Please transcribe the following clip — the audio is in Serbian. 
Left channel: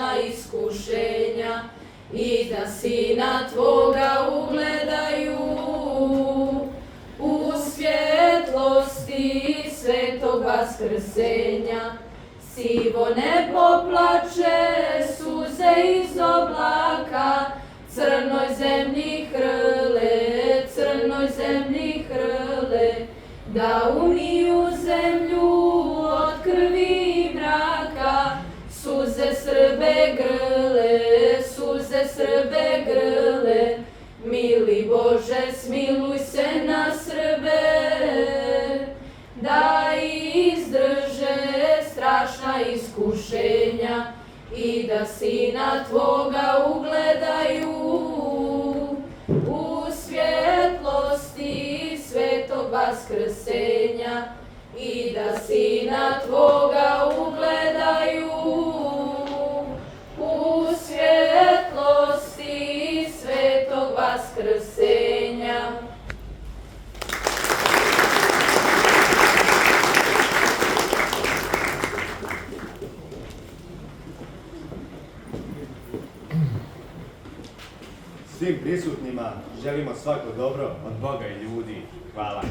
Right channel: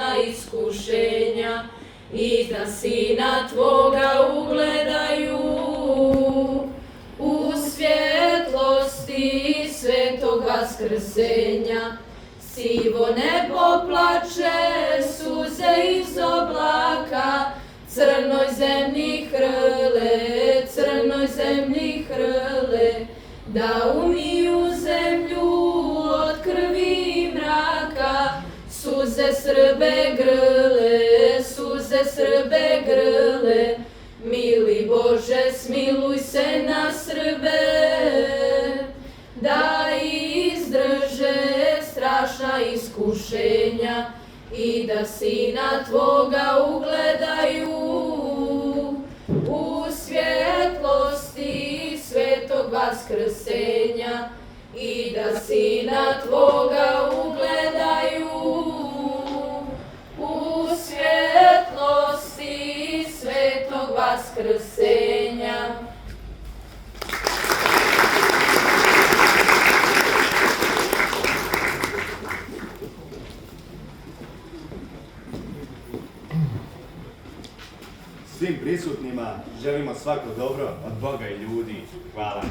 strašna iskušenja i da Sina Tvoga ugledaju u svjetlosti svetog vaskrsenja. Sivo nebo plače, suze iz oblaka, crnoj zemlji hrle, da umiju zemlju od krvi i mraka. Suze Srbe grle, mili Bože, smiluj se na Srbe, da izdrže strašna iskušenja i da Sina Tvoga ugledaju u svjetlosti svetog vaskrsenja i da Sina Tvoga ugledaju u svjetlosti svetog vaskrsenja. Svim prisutnima želimo svako dobro od Boga i ljudi. Hvala.